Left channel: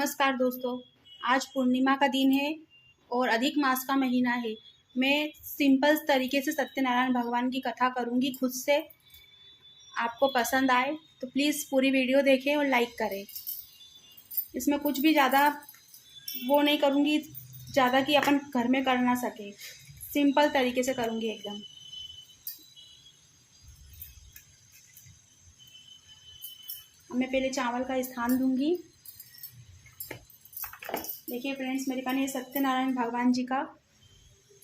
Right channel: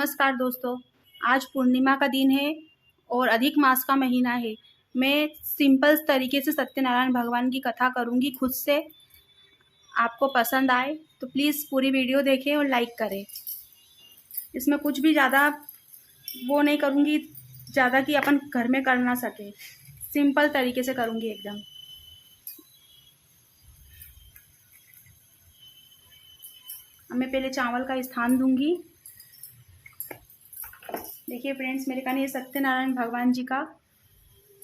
नमस्कार दोस्तों। आज पूर्णिमा का दिन है और अधिक मास का महीना है। मैं सिंपल तरीके से सत्यनारायण भगवान की कथा करूंगी खुद से। आपको पसंद आए तो प्लीज़ पूरी वीडियो देखें और लाइक करें। इसमें कुछ भी ज़्यादा वो नहीं करूंगी, ज़्यादा कि अपन घर में कर ना सके। सिंपल तरीके से करूंगी एकदम। मैं पहले चावल का स्थान दूंगी। देखिए फ्रेंड्स, मेरे पास ये सत्यनारायण भगवान जी का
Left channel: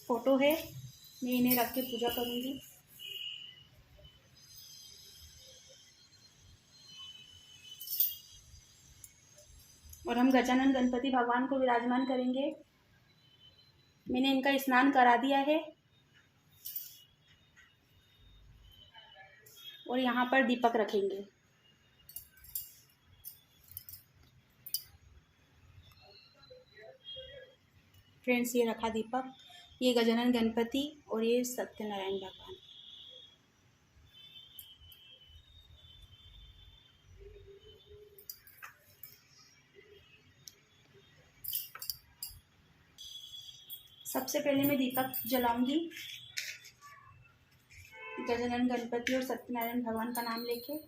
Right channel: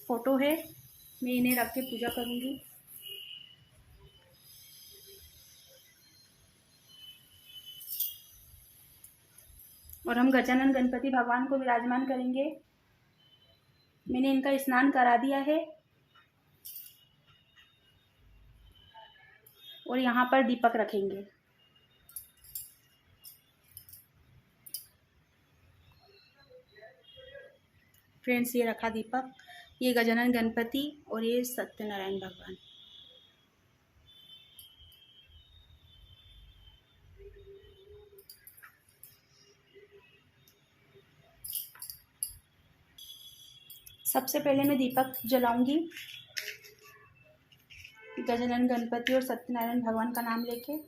फोटो है। मैं इन्हें रख के पूजा करूंगी। और हम गजानन गणपति भगवान को विराजमान करेंगे। मैंने इनका स्नान करा दिया है और यहाँ पर दीपक रखेंगे। फ्रेंड्स, ये रखा दीपक। ये गजानन गणपति और ये सत्यनारायण भगवान। सबसे पहले मैं दीपक जलाऊंगी गजानन गणपति और सत्यनारायण भगवान का नाम लेके। ओम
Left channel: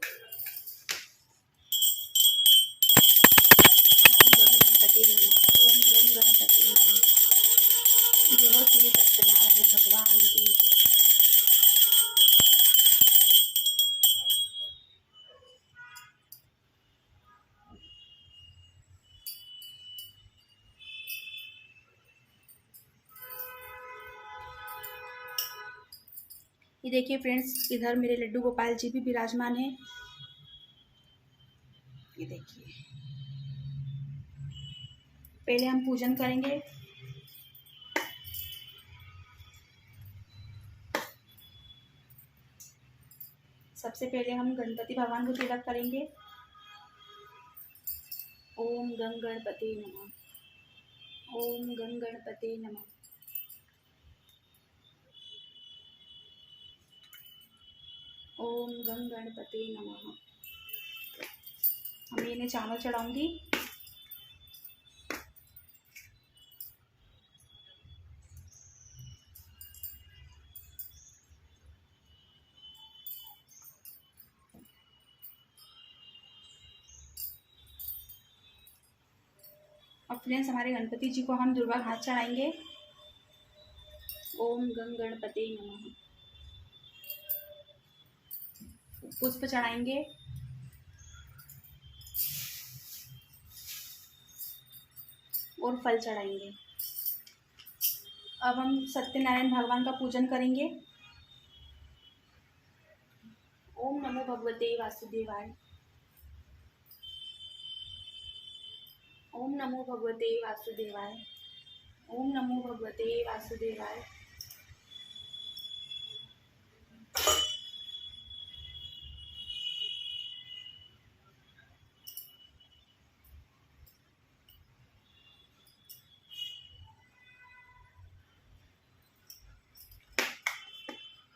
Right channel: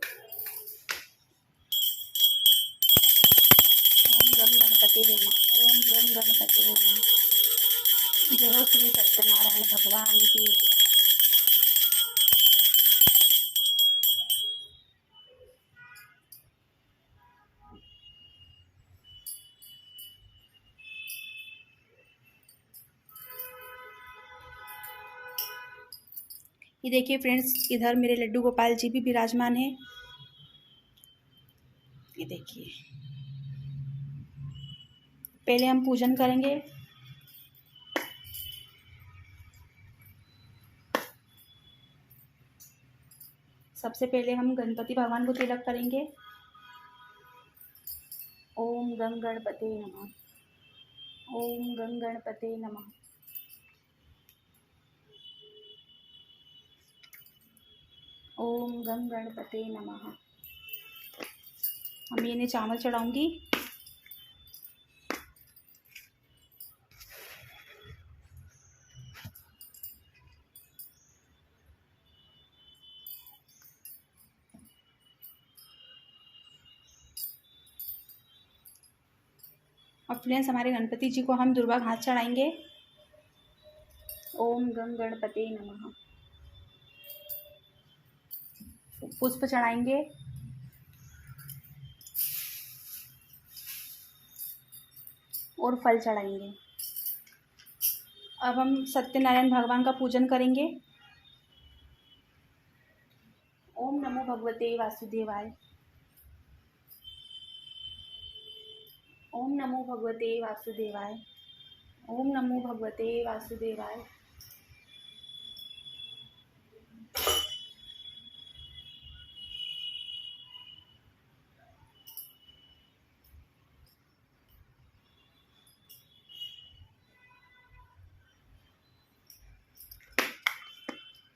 गम गणपति नमः। ओम गम गणपति नमः। जय श्री सत्यनारायण भगवान की। ये देखिए फ्रेंड्स, इधर मेरे लड्डू गोपाल जी भी विराजमान है। ये देखिए, पहले हम पूजन करेंगे। सबसे पहले हम गणपति भगवान को तिलक करेंगे। ओम गं गणपते नमः। ओम गं गणपते नमः। ओम गं गणपते नमः। हम इन्हें चावल चढ़ाऊंगी। और फ्रेंड्स, हमारे गणपति जी को हम दुर्वा घास चढ़ाएंगे। ओम गं गणपते नमः। पुष्प चढ़ाएंगे और फल चढ़ाएंगे। अब हम सत्यनारायण भगवान का पूजन करेंगे। ओम नमो भगवते वासुदेवाय। ओम नमो भगवते वासुदेवाय। ओम नमो भगवते वासुदेवाय।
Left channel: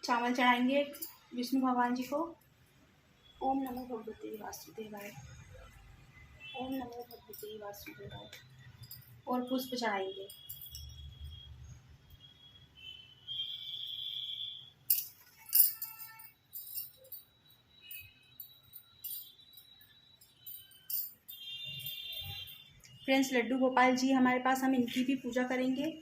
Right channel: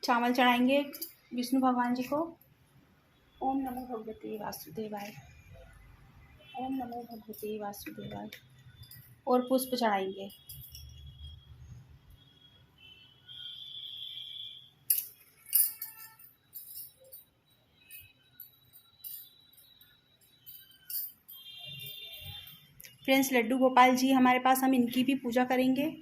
चावल चढ़ाएंगे विष्णु भगवान जी को। ओम नमो भगवते वासुदेवाय। ओम नमो भगवते वासुदेवाय। और पुष्प चढ़ाएंगे। फ्रेंड्स, लड्डू गोपाल जी हमारे पास, हम इनकी भी पूजा करेंगे।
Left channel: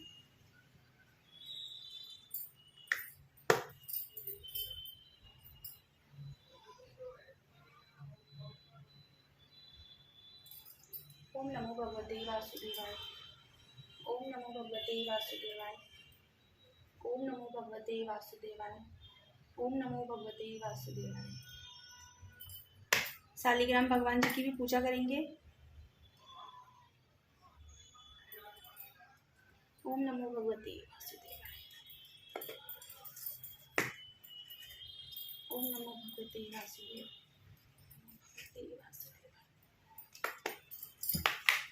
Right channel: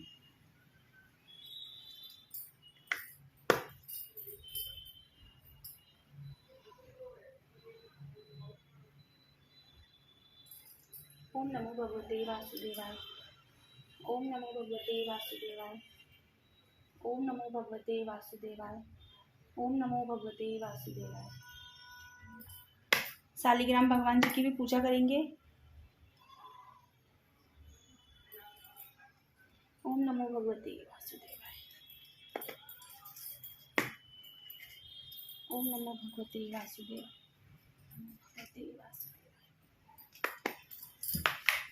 ओम नमो भगवते वासुदेवाय। ओम नमो भगवते वासुदेवाय। ओम नमो भगवते वासुदेवाय। ओम नमो भगवते वासुदेवाय। शालिग्राम भगवान जी की भी पूजा करेंगे। ओम नमो भगवते वासुदेवाय। ओम नमो भगवते वासुदेवाय।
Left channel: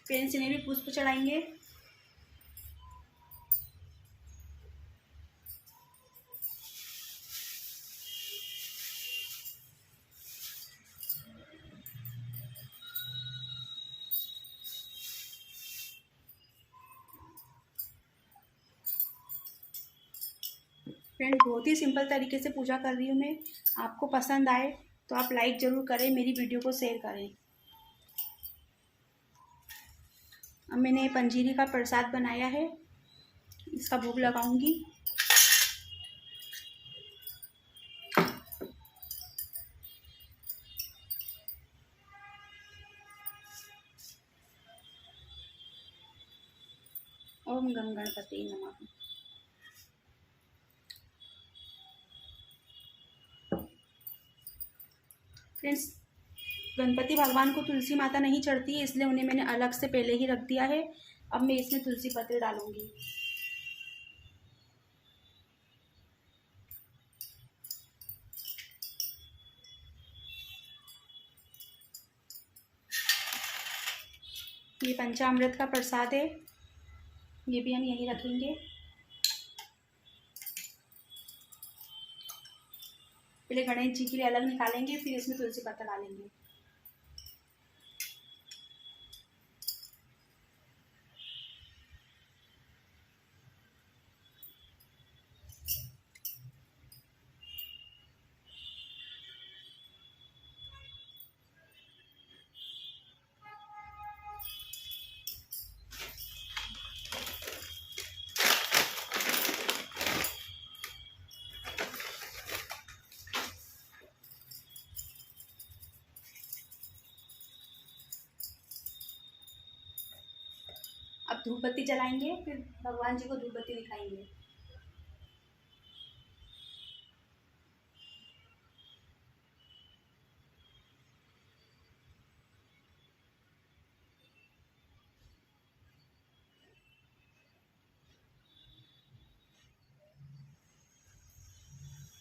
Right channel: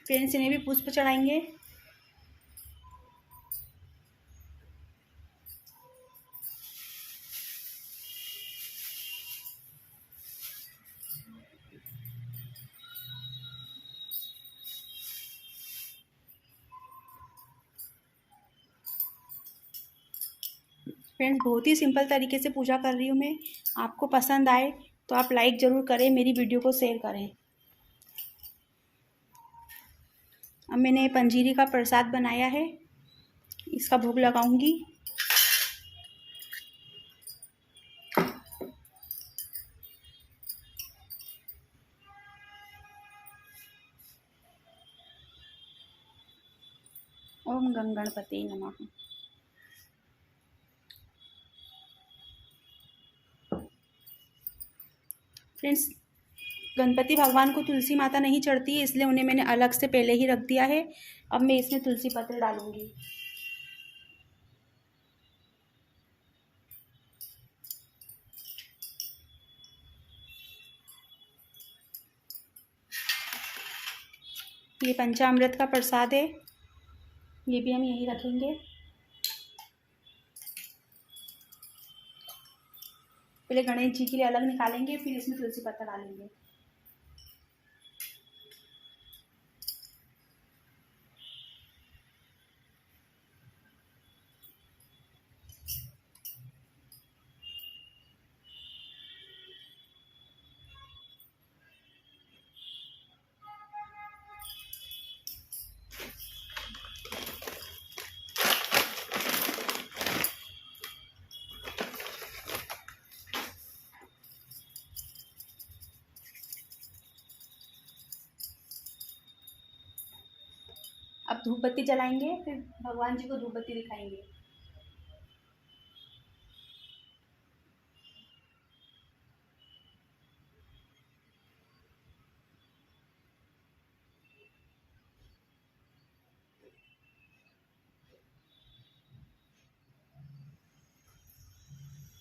फ्रेंड्स, इन्हें भी पुष्प चढ़ाएंगे। फ्रेंड्स, बहुत ही सिंपल तरीके से पूजा कर रही हूँ मैं। आपको पसंद आए तो आप लाइक ज़रूर करें, मेरी वीडियो को शेयर करें। अब मैंने पंजीरी का प्रसाद बनाया है, इसका भोग लगाऊंगी। ओम गण गणपति नमः। फ्रेंड्स, गणपति भगवान को तुलसी माता नहीं चढ़ती है, इसलिए उन्हें मैंने अलग से पहले ही रख दिया है। अब मैं इसमें तुलसी पत्र डालूंगी। ये पंचामृत का प्रसाद है, ये भी हम यहीं रखेंगे। पहले गणेश जी के लिए अलग निकालेंगे, फिर इसमें तुलसी पत्ता डालेंगे। अब धूप बत्ती जलाएंगे, फिर भगवान जी को धूप बत्ती दिखाएंगे।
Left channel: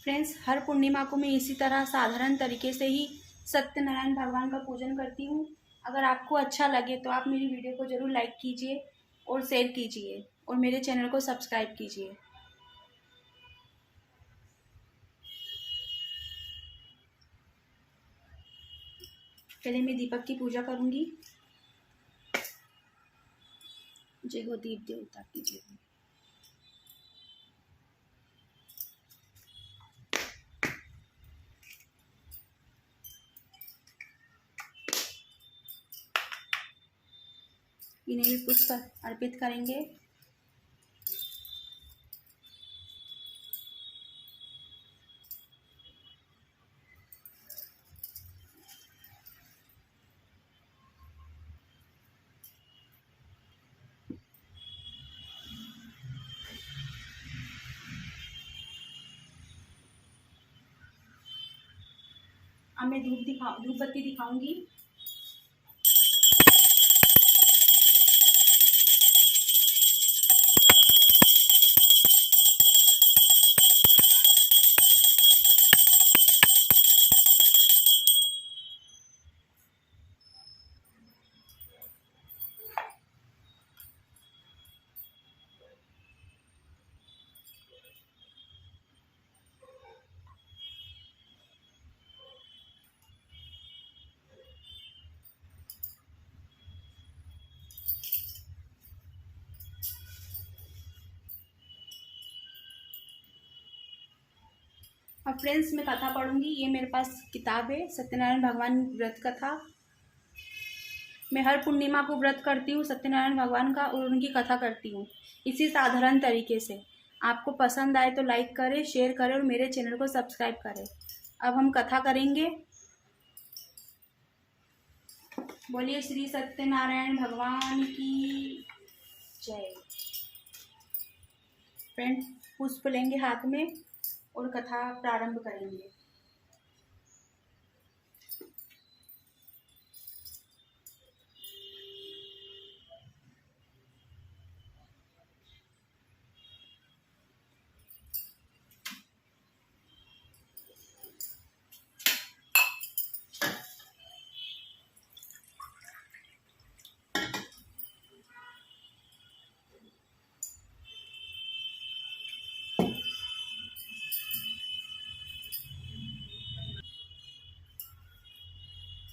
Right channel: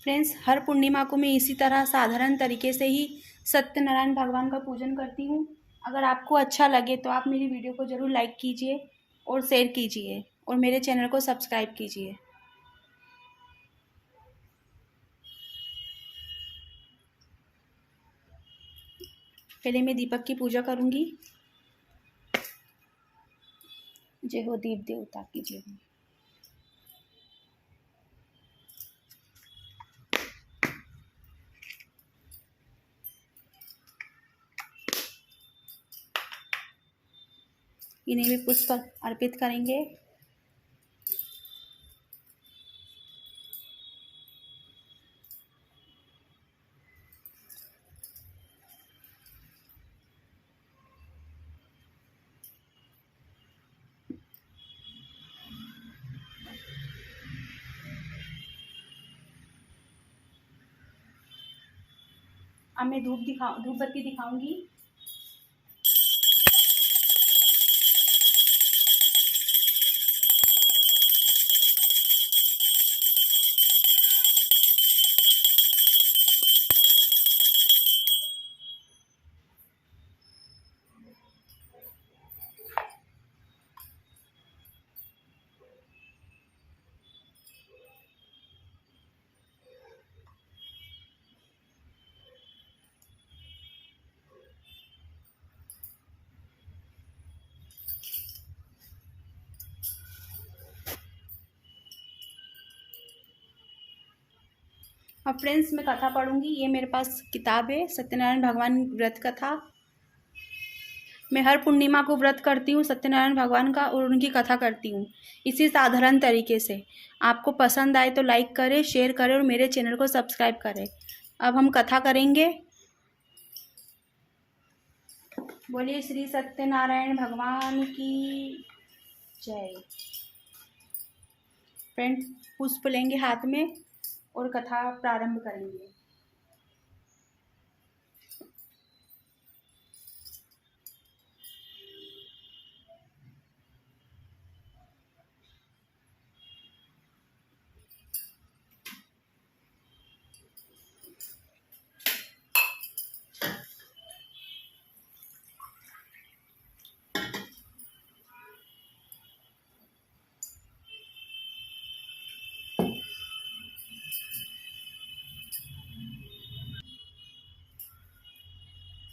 फ्रेंड्स, हर पूर्णिमा को मैं इसी तरह साधारण तरीके से ही सत्यनारायण भगवान का पूजन करती हूँ। अगर आपको अच्छा लगे तो आप मेरी वीडियो को ज़रूर लाइक कीजिए और शेयर कीजिए और मेरे चैनल को सब्सक्राइब कीजिए। पहले मैं दीपक की पूजा करूँगी। जय हो दीप देवता की जय हो। इन्हें भी पुष्प अर्पित करेंगे। अब मैं धूप बत्ती दिखाऊंगी। अब फ्रेंड्स, मैं कथा पढ़ूंगी। ये मेरे पास किताब है, सत्यनारायण भगवान व्रत कथा। मैं हर पूर्णिमा को व्रत करती हूँ सत्यनारायण भगवान का और उनकी कथा करती हूँ इसी साधारण तरीके से। आपको पसंद आए तो लाइक करें, शेयर करें और मेरे चैनल को सब्सक्राइब करें। अब हम कथा करेंगे। बोलिए श्री सत्यनारायण भगवान की जय। फ्रेंड, पुष्प लेंगे हाथ में और कथा प्रारंभ करेंगे।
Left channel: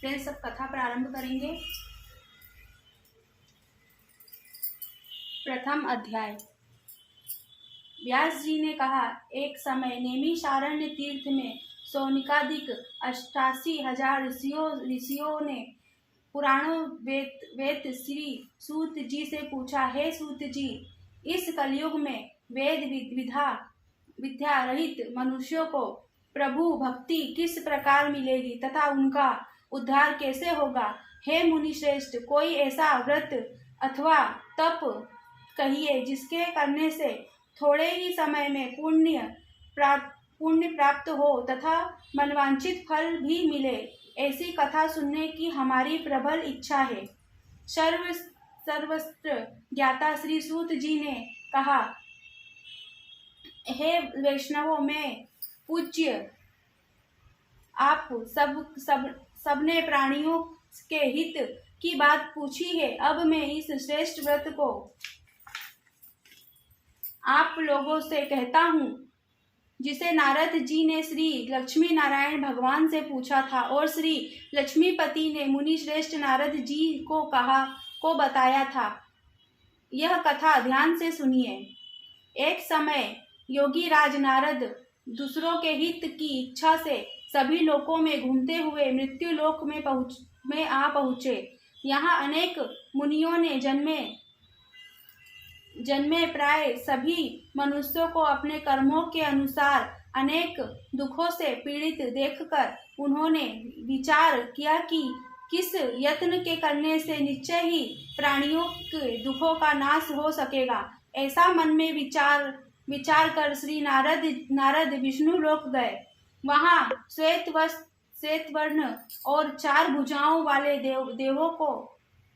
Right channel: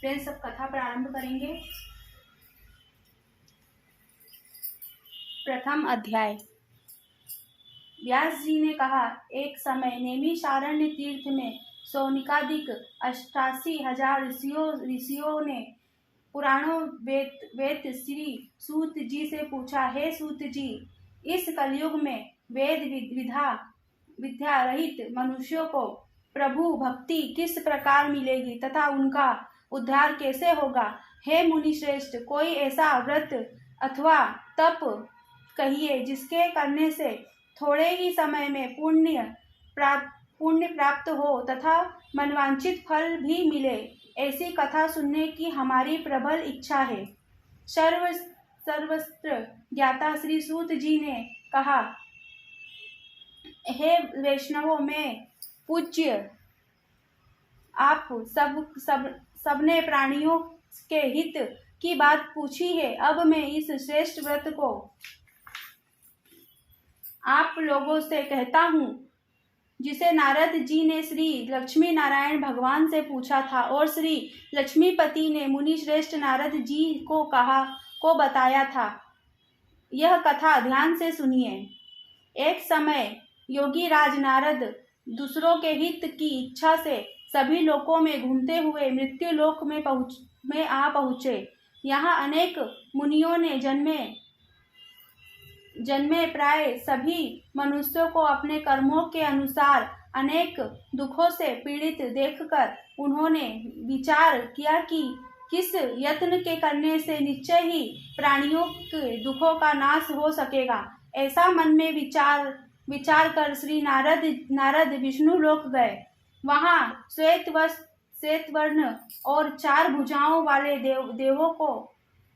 फ्रेंड्स, सब कथा प्रारंभ करेंगे। प्रथम अध्याय। व्यास जी ने कहा, एक समय नैमिषारण्य तीर्थ में सौनिकादिक 88,000 ऋषियों ने पुराणों वेद श्री सूत जी से पूछा, हे सूत जी, इस कलयुग में वेद विद्या रहित मनुष्यों को प्रभु भक्ति किस प्रकार मिलेगी तथा उनका उद्धार कैसे होगा? हे मुनि श्रेष्ठ, कोई ऐसा व्रत अथवा तप कहिए जिसके करने से थोड़े ही समय में पुण्य प्राप्त हो तथा मनवांछित फल भी मिले। ऐसी कथा सुनने की हमारी प्रबल इच्छा है। सर्वस्त्र ज्ञाता श्री सूत जी ने कहा, हे वैष्णवों, मैं पूज्य आप सबने प्राणियों के हित की बात पूछी है। अब मैं इस श्रेष्ठ व्रत को आप लोगों से कहता हूँ, जिसे नारद जी ने श्री लक्ष्मी नारायण भगवान से पूछा था और श्री लक्ष्मीपति ने मुनि श्रेष्ठ नारद जी को बताया था। यह कथा ध्यान से सुनिए। एक समय योगी राज नारद दूसरों के हित की इच्छा से सभी लोकों में घूमते हुए मृत्यु लोक में आ पहुँचे। यहाँ अनेक मुनियों ने जन्मे प्राय सभी मनुष्यों को अपने कर्मों के अनुसार अनेक दुखों से पीड़ित देखकर उन्होंने विचार किया कि किस यत्न के करने से निश्चय ही प्राणियों के दुखों का नाश हो सकेगा। ऐसा मन में विचार कर श्री नारद विष्णु लोक गए। वहाँ श्वेत वर्ण और 4 भुजाओं वाले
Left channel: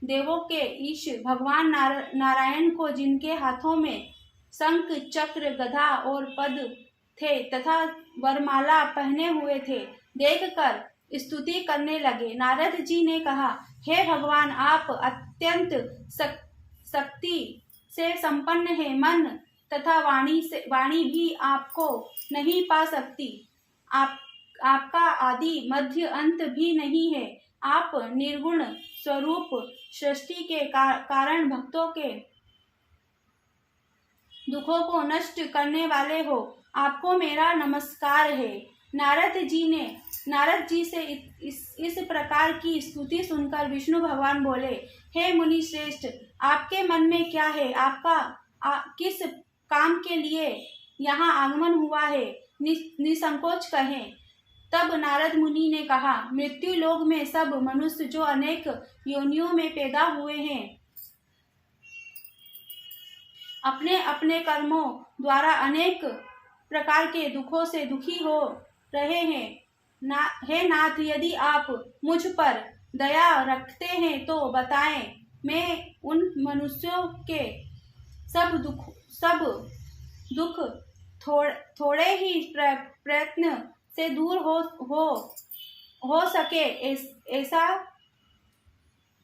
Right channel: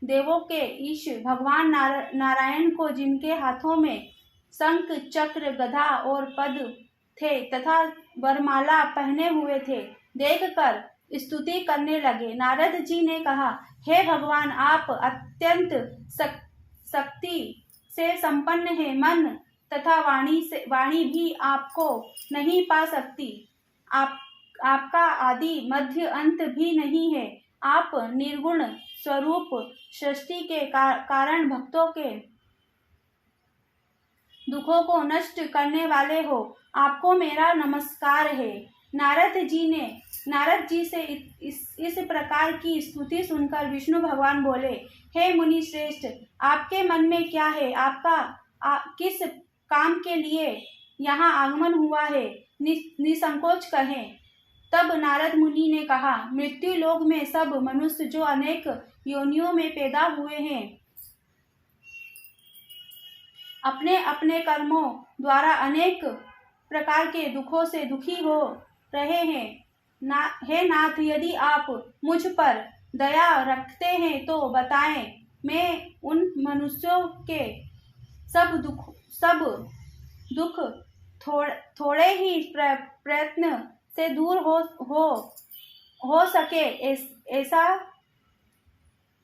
देवों के ईश भगवान नारायण को, जिनके हाथों में शंख चक्र गदा और पद थे तथा वरमाला पहने हुए थे, देखकर स्तुति करने लगे। नारद जी ने कहा, हे भगवान, आप अत्यंत शक्ति से संपन्न है। मन तथा वाणी भी आपको नहीं पा सकती। आपका आदि मध्य अंत भी नहीं है। आप निर्गुण स्वरूप सृष्टि के कारण भक्तों के दुखों को नष्ट करने वाले हो। आपको मेरा नमस्कार है। नारद जी से इस प्रकार की स्तुति सुनकर विष्णु भगवान बोले, हे मुनि श्रेष्ठ, आपके मन में क्या है? आपका किस काम के लिए यहाँ आगमन हुआ है? निसंकोच कहें। तब नारद मुनि ने कहा, मृत्यु लोक में सब मनुष्य जो अनेक योनियों में पैदा हुए हैं, अपने अपने कर्मों द्वारा अनेक प्रकार के दुखों से दुखी हो रहे हैं। हे नाथ, यदि आप मुझ पर दया रखते हैं तो बताएं, मैं उन मनुष्यों के सब दुख थोड़े ही प्रयत्न से दूर हो सके। ऐसा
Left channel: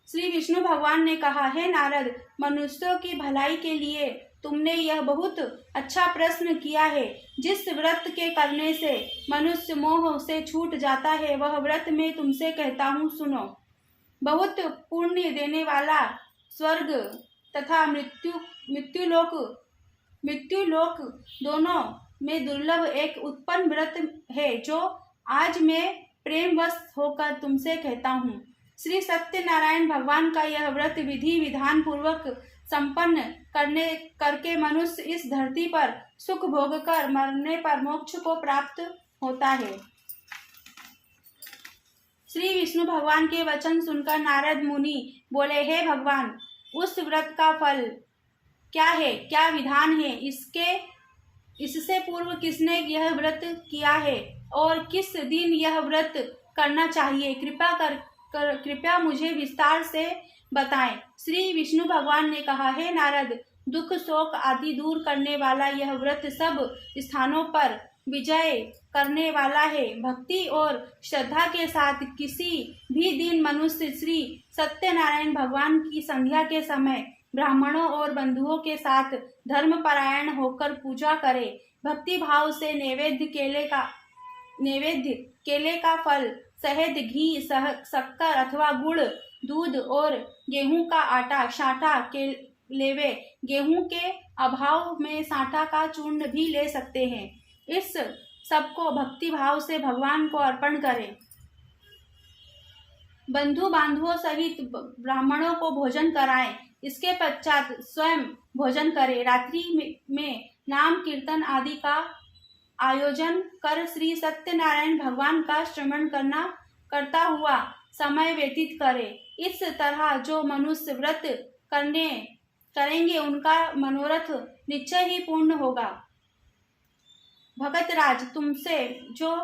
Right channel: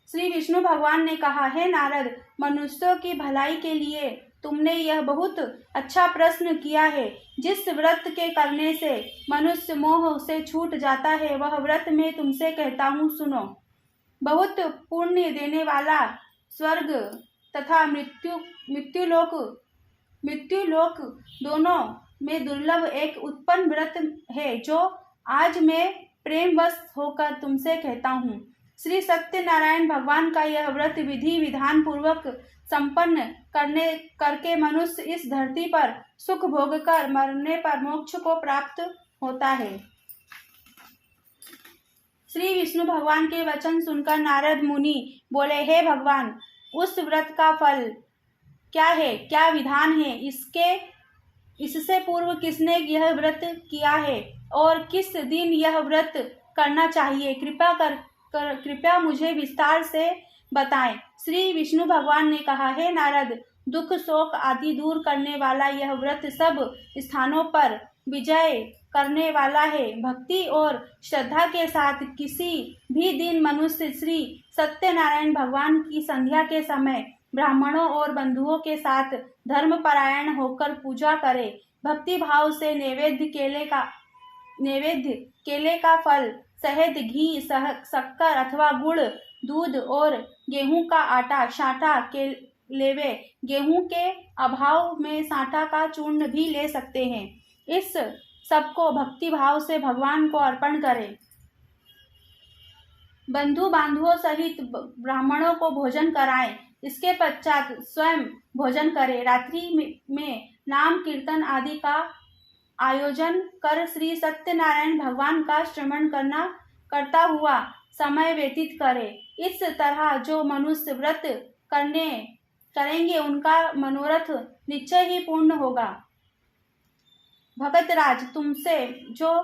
श्री विष्णु भगवान ने कहा, हे नारद, मनुष्यों की भलाई के लिए तुमने यह बहुत अच्छा प्रश्न किया है। जिस व्रत के करने से मनुष्य मोह से छूट जाता है, वह व्रत मैं तुमसे कहता हूँ, सुनो। बहुत पुण्य देने वाला स्वर्ग तथा मृत्यु लोक दोनों में दुर्लभ एक उत्पन्न व्रत है, जो आज मैं प्रेमवश होकर तुमसे कहता हूँ। श्री सत्यनारायण भगवान का यह व्रत विधि विधान पूर्वक संपन्न करके मनुष्य इस धरती पर सुख भोगकर मरने पर मोक्ष को प्राप्त होता है। श्री विष्णु भगवान के वचन सुनकर नारद मुनि बोले, हे भगवान, उस व्रत का फल क्या है, क्या विधान है? इससे पूर्व किसने यह व्रत किया है और किस दिन यह व्रत करना चाहिए? कृपया मुझे विस्तार से बताएं। श्री विष्णु भगवान ने कहा, हे नारद, दुख शोक आदि दूर करने वाला यह व्रत सब स्थानों पर विजय करने वाला है। भक्ति और श्रद्धा के साथ किसी भी दिन मनुष्य श्री सत्यनारायण भगवान की संध्या के समय ब्राह्मणों और बंधुओं के साथ धर्मपरायण होकर पूजा करे। भक्ति भाव से नैवेद्य केले का फल, शहद, घी, शक्कर अथवा गुड़, दूध और गेहूं का आटा, छाटा, लेवे। गेहूं के अभाव में सांठा का चूर्ण भी ले सकते हैं। इस सबको भक्ति भाव से भगवान को अर्पण करें। बंधु बांधवों सहित ब्राह्मणों को भोजन कराएं। इसके पश्चात स्वयं भोजन करें। रात्रि में नाम कीर्तन आदि का आयोजन कर श्री सत्यनारायण भगवान का श्रवण करता हुआ समय व्यतीत करे। इस तरह जो मनुष्य व्रत करेंगे उनका मनोरथ निश्चय ही पूर्ण होगा। भगतराज, तुमसे जो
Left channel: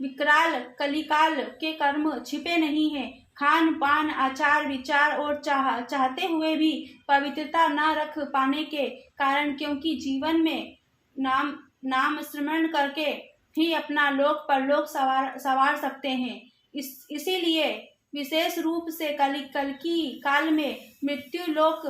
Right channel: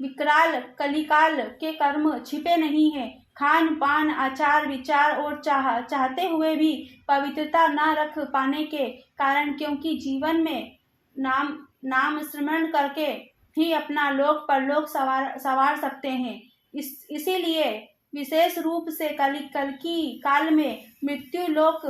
विकराल कलिकाल के कर्म छिपे नहीं है, खान पान आचार विचार और चाहते हुए भी पवित्रता न रख पाने के कारण, क्योंकि जीवन में नाम स्मरण करके ही अपना लोक परलोक सवार सकते हैं, इसीलिए विशेष रूप से कलिकी काल में मृत्यु लोक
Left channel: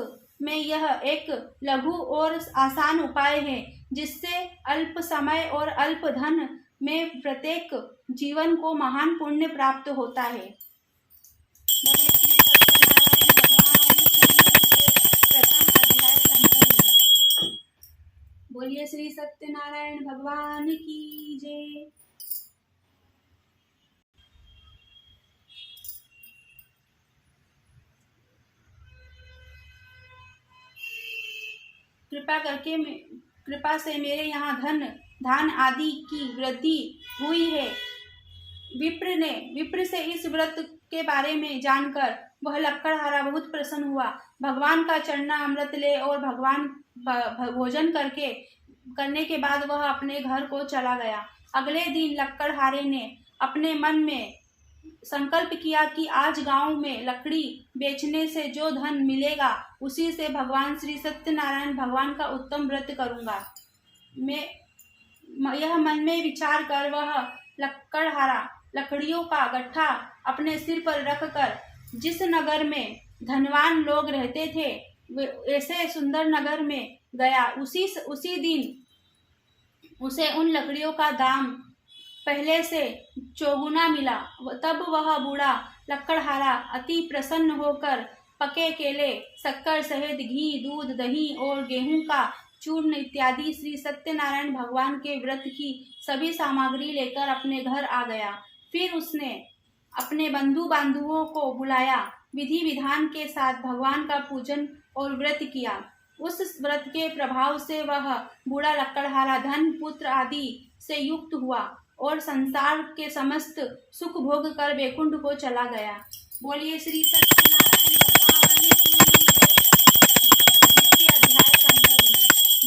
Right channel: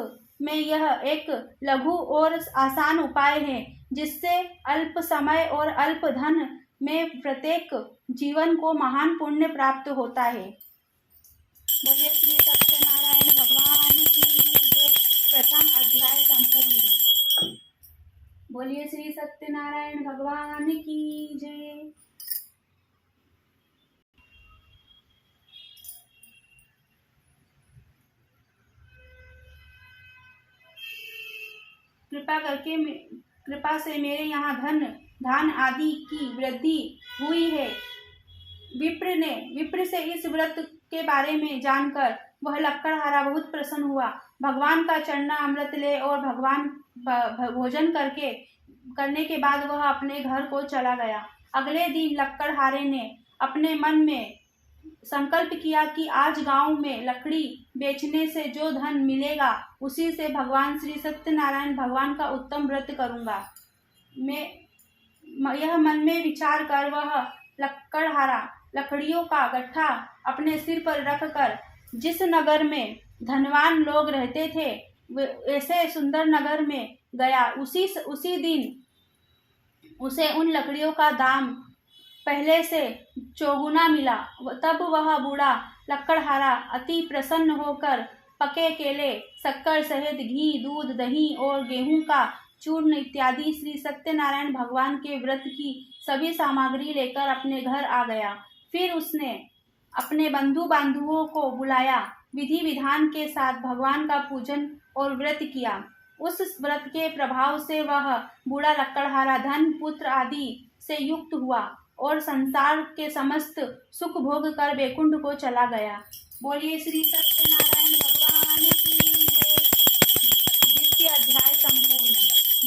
में यह एक लघु और आसान उपाय है, जिससे अल्प समय और अल्प धन में प्रत्येक जीवन को महान पुण्य प्राप्त होता है। बोलिए श्री सत्यनारायण भगवान की जय। प्रथम अध्याय संपूर्ण। बोलिए श्री सत्यनारायण भगवान की जय। कृपा से मेरे यहाँ धान आदि की वृद्धि हुई है। विप्र से इस व्रत के बारे में जानकर वह लक्कड़हारा बहुत प्रसन्न हुआ। भगवान का चरना अमृत ले और भगवान भोजन करने के बाद वह अपने घर को चला गया। अगले दिन लक्कड़हारे ने अपने मन में संकल्प किया कि आज गांव में लकड़ी बेचने से जो धन मिलेगा उसी से भगवान श्री सत्यनारायण भगवान का उत्तम व्रत करूंगा। यह मन में विचार कर वह लक्कड़हारा लकड़ियों का गट्ठा अपने सिर पर रखकर जिस नगर में धनवान लोग रहते थे ऐसे सुंदर नगर में गया। उसी दिन उसे उन लकड़ियों का दाम पहले से चौगुना मिला। तब वह बूढ़ा लक्कड़हारा अति प्रसन्न होकर पके केले, शक्कर सहित घी, दूध, दही और गेहूं का चूर्ण इत्यादि श्री सत्यनारायण भगवान के व्रत की सभी सामग्री लेकर अपने घर आ गया। फिर उसने अपने बंधु बांधवों को बुलाया। विधि विधान के साथ भगवान का पूजन और व्रत किया। उस व्रत के प्रभाव से वह बूढ़ा लक्कड़हारा धन पुत्र आदि से युक्त हुआ और संसार के समस्त सुख भोग कर वैकुंठ को चला गया। बोलिए श्री सत्यनारायण भगवान की जय। द्वितीय अध्याय संपूर्ण।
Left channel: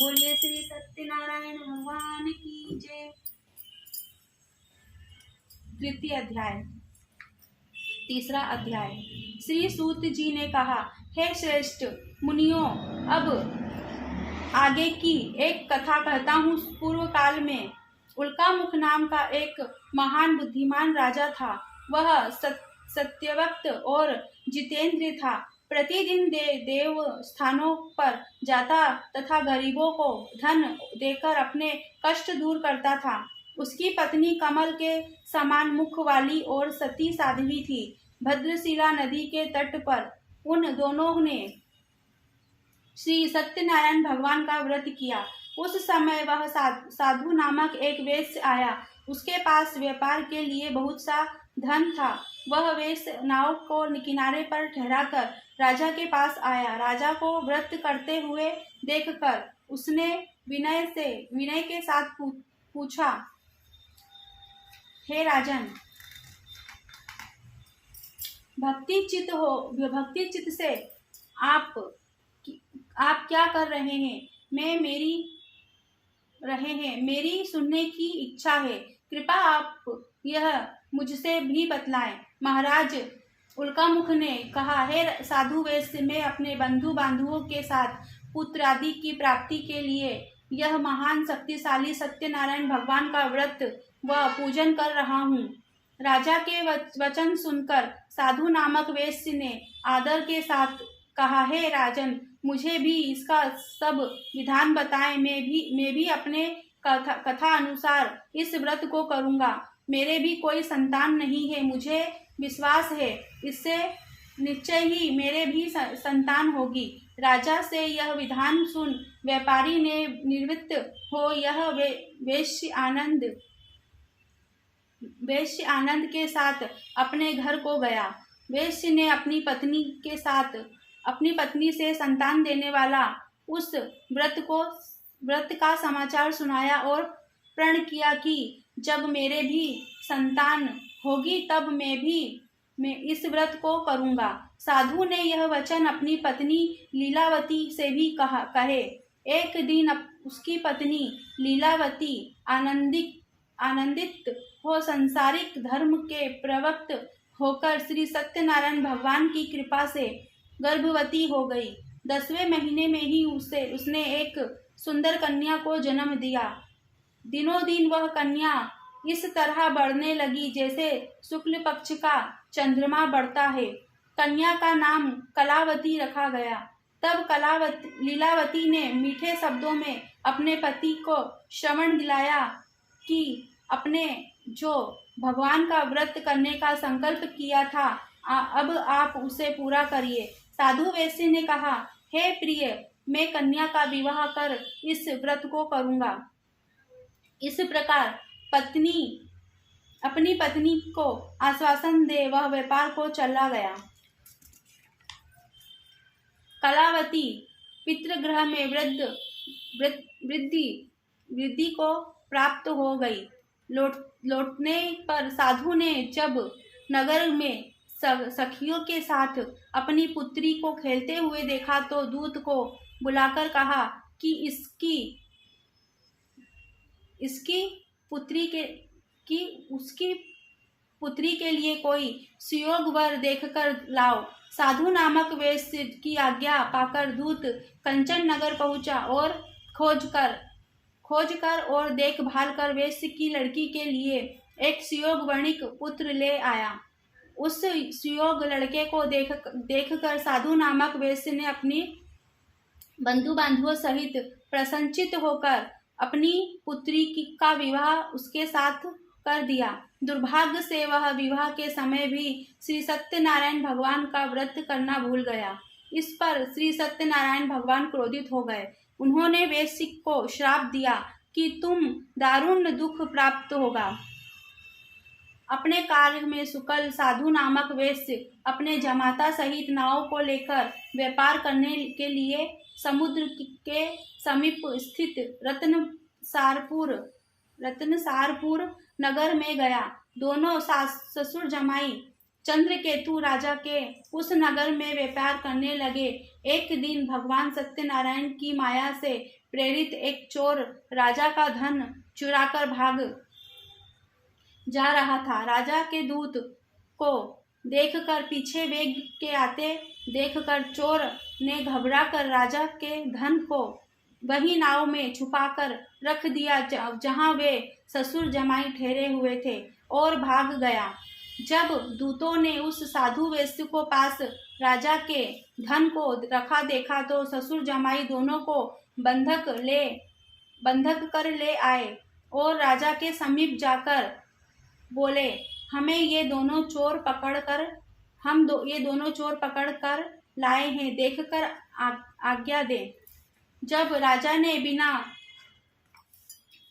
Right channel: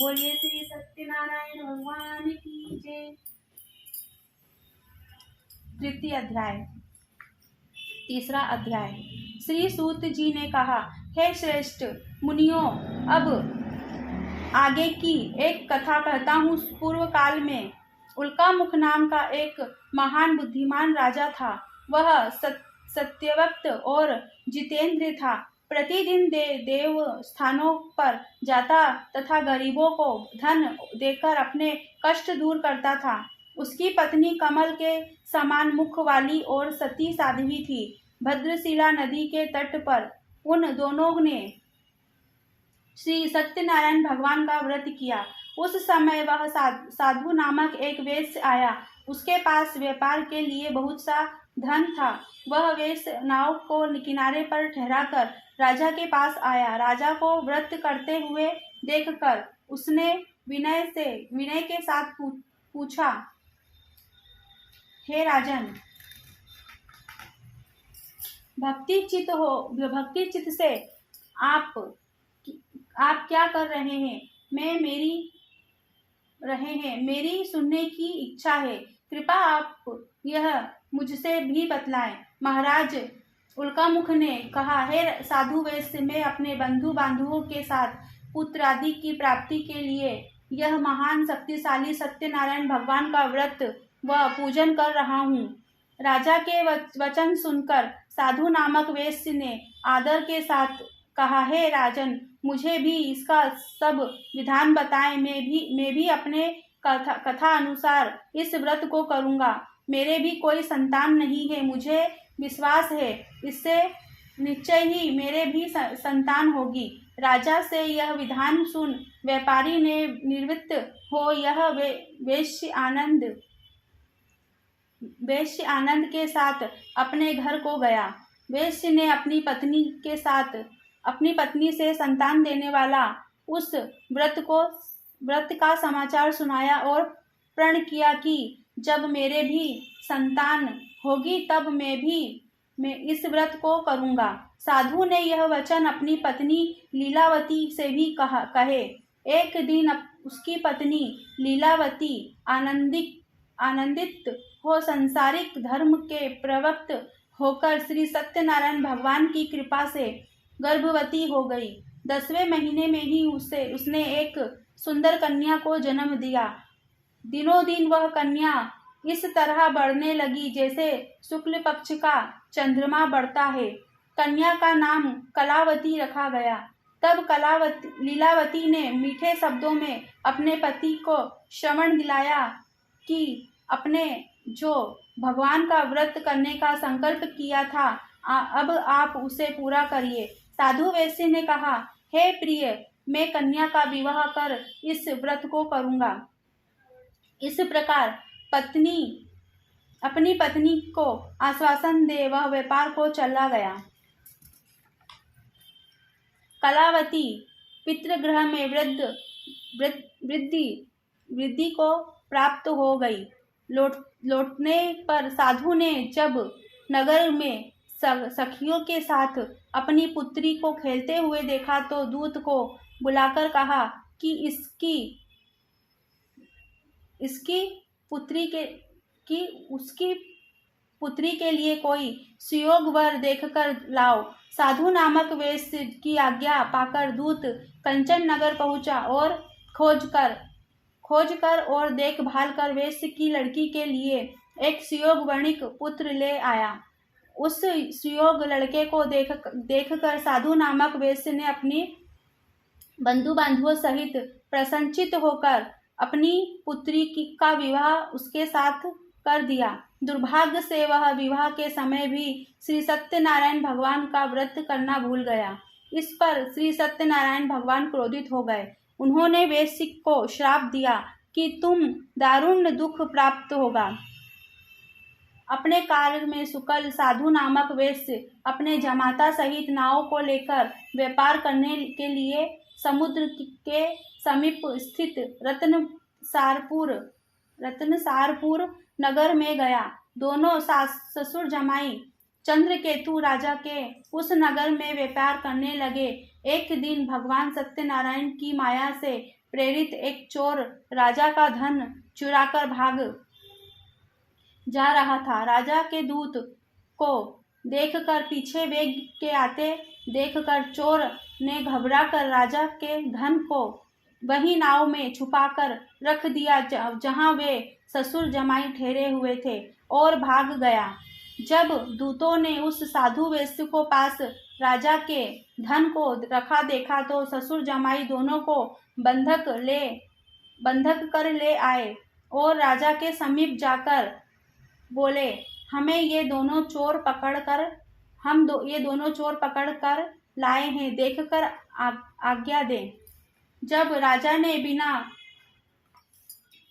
बोलिए श्री सत्यनारायण भगवान की जय। तृतीय अध्याय। तीसरा अध्याय। श्री सूत जी ने कहा, हे श्रेष्ठ मुनियों, अब आगे की एक कथा कहता हूँ। पूर्व काल में उल्कामुख नाम का एक महान बुद्धिमान राजा था। वह सत्यवक्त और जितेंद्र था। प्रतिदिन देव स्थानों पर जाता तथा गरीबों को धन देकर अपने कष्ट दूर करता था। उसकी पत्नी कमल के समान मुख वाली और सती साध्वी थी। भद्रशिला नदी के तट पर उन दोनों ने श्री सत्यनारायण भगवान का व्रत किया। उस समय वह साधु नामक एक वैश्य आया। उसके पास व्यापार के लिए बहुत सा धन था। वह वैश्य नाव को किनारे पर ठहराकर राजा के पास आया। राजा को व्रत करते हुए देखकर उसने विनय के साथ पूछा, हे राजन, भक्ति चित्त से आप क्या कर रहे हैं? मेरी सुनने की इच्छा है। कृपया आप यह मुझसे भी बतलाएं। महाराज उल्कामुख ने कहा, हे साधु वैश्य, मैं अपने बंधु बांधवों के साथ पुत्र आदि की प्राप्ति के लिए यह महान शक्तिशाली सत्यनारायण भगवान का व्रत व पूजन कर रहा हूँ। राजा के वचन सुनकर साधु नामक वैश्य ने आदर के साथ कहा, हे राजन, मुझे भी इसका सब विधान बताएं। मैं भी अपने कथा अनुसार इस व्रत को करूँगा। मेरे भी कोई संतान नहीं है। मुझे विश्वास है इससे निश्चय ही मेरे भी संतान होगी। राजा से यह विधान सुन व्यापारी ने निवृत्त हो यह वेश्य आनंद के साथ अपने घर को गया। वेश्य ने अपनी पत्नी से संतान देने वाला उस व्रत का समाचार सुनाया और प्रण किया कि जब मेरे भी संतान होगी तब मैं इस व्रत को करूंगा। साधु ने यह वचन अपनी पत्नी लीलावती से भी कहे। एक दिन उसकी पत्नी लीलावती आनंदित हो सांसारिक धर्म के प्रवक्त होकर श्री सत्यनारायण भगवान की कृपा से गर्भवती हो गई। 10वें महीने में ही उसने एक सुंदर कन्या को जन्म दिया। दिनों दिन वह कन्या इस तरह बढ़ने लगी जैसे शुक्ल पक्ष का चंद्रमा बढ़ता है। कन्या का नाम कलावती रखा गया। तब लीलावती ने मीठे शब्दों में अपने पति को श्रवण दिलाया कि अपने जो भगवान का व्रत करने का संकल्प किया था अब आप उसे पूरा करिए। साधु वैश्य ने कहा, हे प्रिय, मैं कन्या का विवाह कर इस व्रत को करूंगा। इस प्रकार अपनी पत्नी को आश्वासन दे वह व्यापार को चला गया। कलावती पितृगृह में वृद्धि को प्राप्त हो गई। लौटने पर साधु ने जब नगर में सखियों के साथ अपनी पुत्री को खेलते हुए देखा तो दूत को बुलाकर कहा कि उसकी पुत्री के लिए कोई सुयोग वर देखकर लाओ। साधु नामक वेश्य की आज्ञा पाकर दूत कंचन नगर पहुंचा और खोज कर और देखभाल कर वेश्य की लड़की के लिए एक सुयोग वर्णिक पुत्र ले आया। उस सुयोग लड़के को देखकर साधु नामक वेश्य ने अपनी बंधु बांधवों सहित प्रसन्नचित होकर अपनी पुत्री का विवाह उसके साथ कर दिया। दुर्भाग्य से वह विवाह के समय भी श्री सत्यनारायण भगवान का व्रत करना भूल गया। इस पर श्री सत्यनारायण भगवान क्रोधित हो गए। उन्होंने वेश्य को श्राप दिया कि तुम दारुण दुख प्राप्त होगा। अपने कार्य में सुकल साधु नामक वेश्य अपने जमाता सहित नाव को लेकर व्यापार करने के लिए समुद्र के समीप स्थित रत्नसारपुर नगर में गया। दोनों ससुर जमाई चंद्रकेतु राजा के उस नगर में व्यापार करने लगे। एक दिन भगवान सत्यनारायण की माया से प्रेरित एक चोर राजा का धन चुराकर भाग जा रहा था। राजा के दूत को देखकर पीछे वेग के आते देखकर चोर ने घबराकर राजा के धन को वही नाव में छुपाकर रख दिया जहां वे ससुर जमाई ठहरे हुए थे और भाग गया। जब दूतों ने उस साधु वेश्य को पास राजा के धन को रखा देखा तो ससुर जमाई दोनों को बंधक कर ले आए और राजा के समीप जाकर बोले, हमें ये दोनों चोर पकड़ कर लाए हैं, देखकर आज्ञा दे। जब राजा ने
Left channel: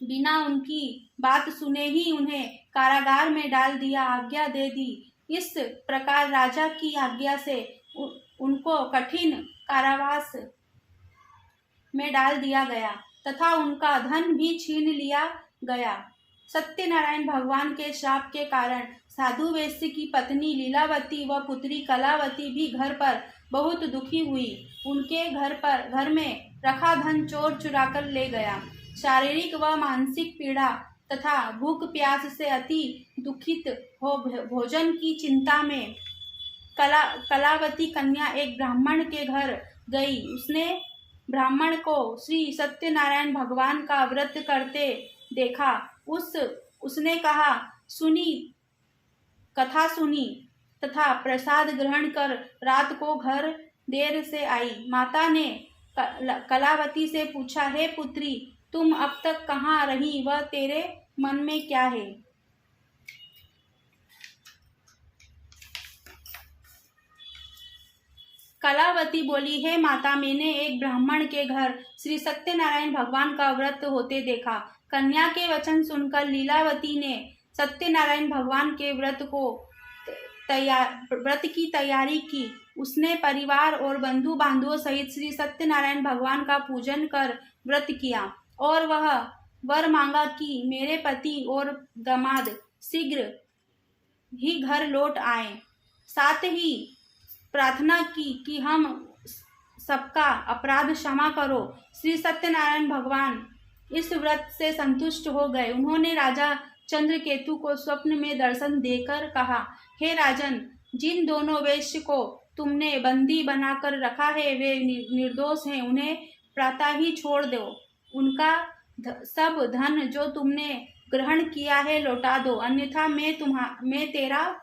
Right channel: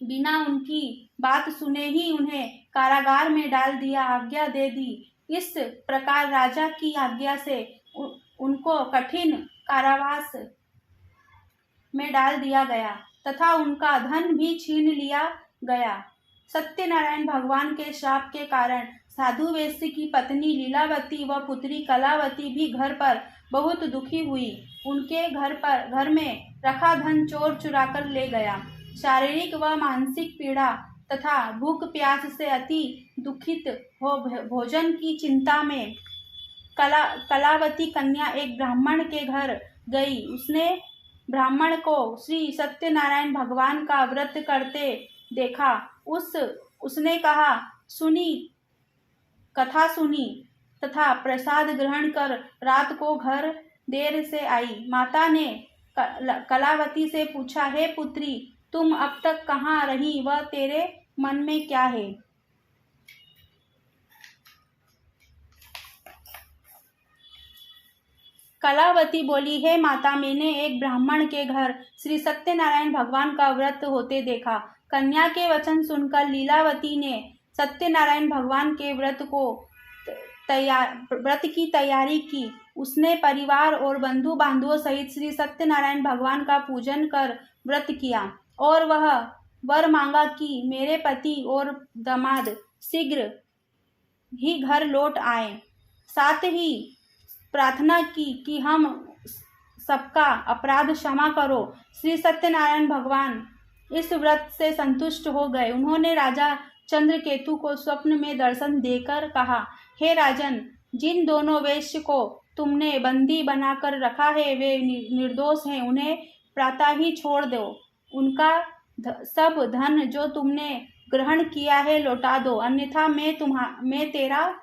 बिना उनकी बात सुने ही उन्हें कारागार में डाल दिया, आज्ञा दे दी। इस प्रकार राजा की आज्ञा से उनको कठिन कारावास में डाल दिया गया तथा उनका धन भी छीन लिया गया। सत्यनारायण भगवान के श्राप के कारण साधु वेश्य की पत्नी लीलावती व पुत्री कलावती भी घर पर बहुत दुखी हुई। उनके घर में रखा धन चोर चुराकर ले गया। शारीरिक व मानसिक पीड़ा तथा भूख प्यास से अति दुखित हो भोजन की चिंता में कलावती कन्या एक ब्राह्मण के घर गई। उसने ब्राह्मण को श्री सत्यनारायण भगवान का व्रत करते देखा। उसने कथा सुनी तथा प्रसाद ग्रहण कर रात को घर देर से आई। माता ने कलावती से पूछा, हे पुत्री, तुम अब तक कहाँ रही व तेरे मन में क्या है? कलावती बोली, हे माता, मैंने एक ब्राह्मण के घर श्री सत्यनारायण भगवान का व्रत होते देखा। कन्या के वचन सुनकर लीलावती ने सत्यनारायण भगवान के व्रत की तैयारी की। उसने परिवार और बंधु बांधवों सहित श्री सत्यनारायण भगवान का पूजन कर व्रत किया और वह वर मांगा कि मेरे पति और दामाद शीघ्र ही घर लौट आए। साथ ही प्रार्थना की कि हम सबका अपराध क्षमा करो। श्री सत्यनारायण भगवान इस व्रत से संतुष्ट हो गए। उन्होंने राजा चंद्रकेतु को स्वप्न में दर्शन देकर कहा, हे राजन, जिन दोनों वेश्य को तुमने बंदी बनाकर रखा है वे निर्दोष हैं, उन्हें प्रातः ही छोड़ दो। उनका सब धन जो तुमने ग्रहण किया है लौटा दो, अन्यथा मैं तेरा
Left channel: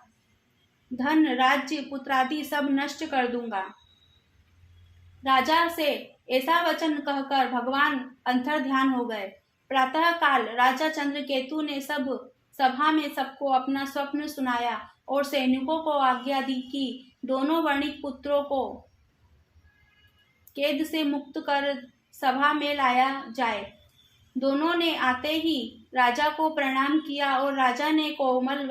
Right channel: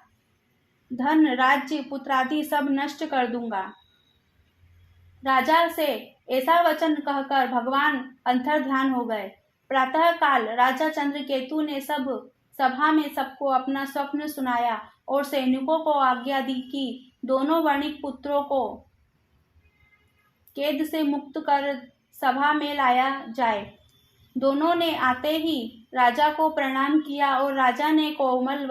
धन, राज्य, पुत्रादि सब नष्ट कर दूंगा। राजा से ऐसा वचन कहकर भगवान अंतर ध्यान हो गए। प्रातः काल राजा चंद्रकेतु ने सभा में सबको अपना स्वप्न सुनाया और सैनिकों को आज्ञा दी कि दोनों वणिक पुत्रों को कैद से मुक्त कर सभा में लाया जाए। दोनों ने आते ही राजा को प्रणाम किया और राजा ने कोमल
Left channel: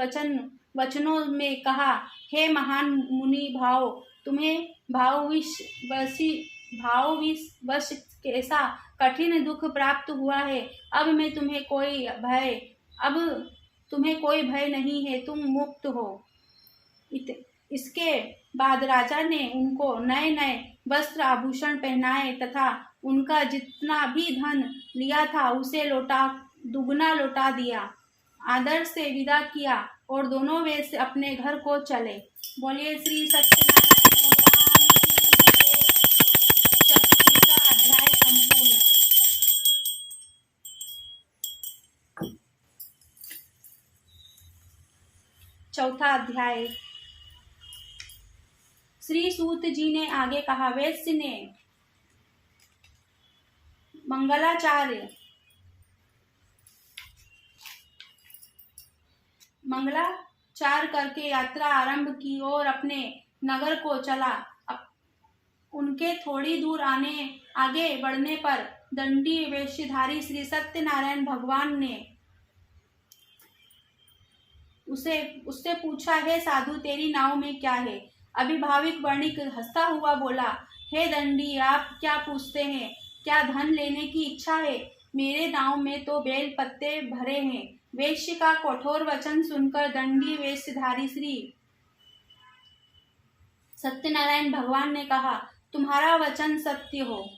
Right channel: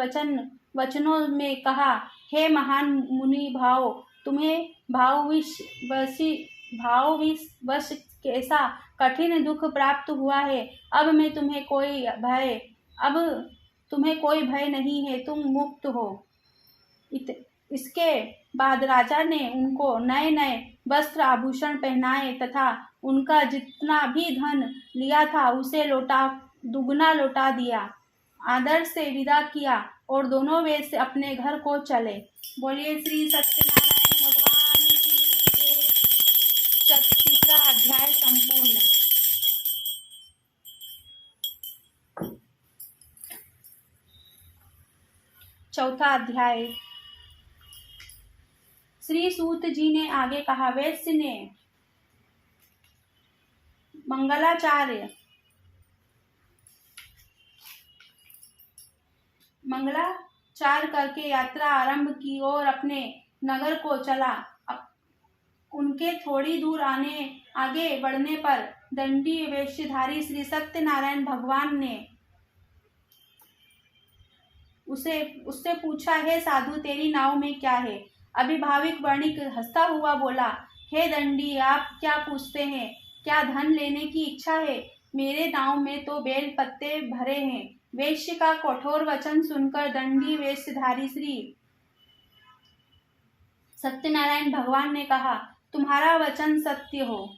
वचनों में कहा, हे महान मुनि भाव, तुम्हें भावविवश कैसा कठिन दुख प्राप्त हुआ है। अब तुम्हें कोई भय नहीं है, तुम मुक्त हो। इसके बाद राजा ने उनको नए नए वस्त्र आभूषण पहनाए तथा उनका जितना भी धन लिया था उसे दुगना लौटा दिया, आदर से विदा किया और दोनों वेश्य अपने घर को चले। बोलिए श्री सत्यनारायण भगवान की जय। तीसरा अध्याय संपूर्ण। चौथा अध्याय। श्री सूत जी ने आगे कहा, वैश्य ने मंगलाचार करके यात्रा आरंभ की और अपने नगर को चला। उनके थोड़ी दूर आगे बढ़ने पर दंडी वेशधारी श्री सत्यनारायण भगवान ने उससे पूछा, हे साधु, तेरी नाव में क्या है? अभिभाविक वणिक हंसता हुआ बोला, हे दंडी, आप क्या पूछते हैं? क्या धन लेने की इच्छा है? मेरे नाव में तो बेल पत्ते भरे हैं। वेश्य का कठोर वचन सुनकर दंडी वेशधारी श्री सत्यनारायण भगवान ने कहा, तुम्हारा वचन सत्य हो।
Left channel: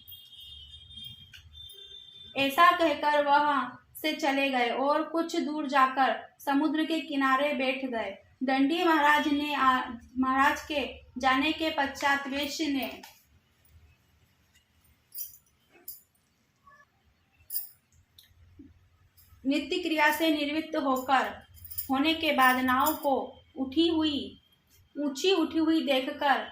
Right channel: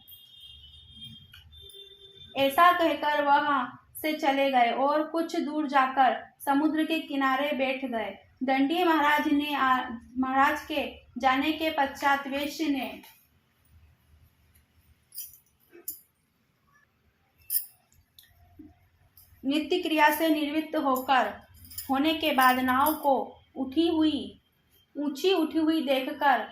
ऐसा कहकर वहां से चले गए और कुछ दूर जाकर समुद्र के किनारे बैठ गए। दंडी महाराज के जाने के पश्चात वेश्य ने नित्य क्रिया से निवृत्त होने के बाद नाव को ऊंची उठी हुई देखकर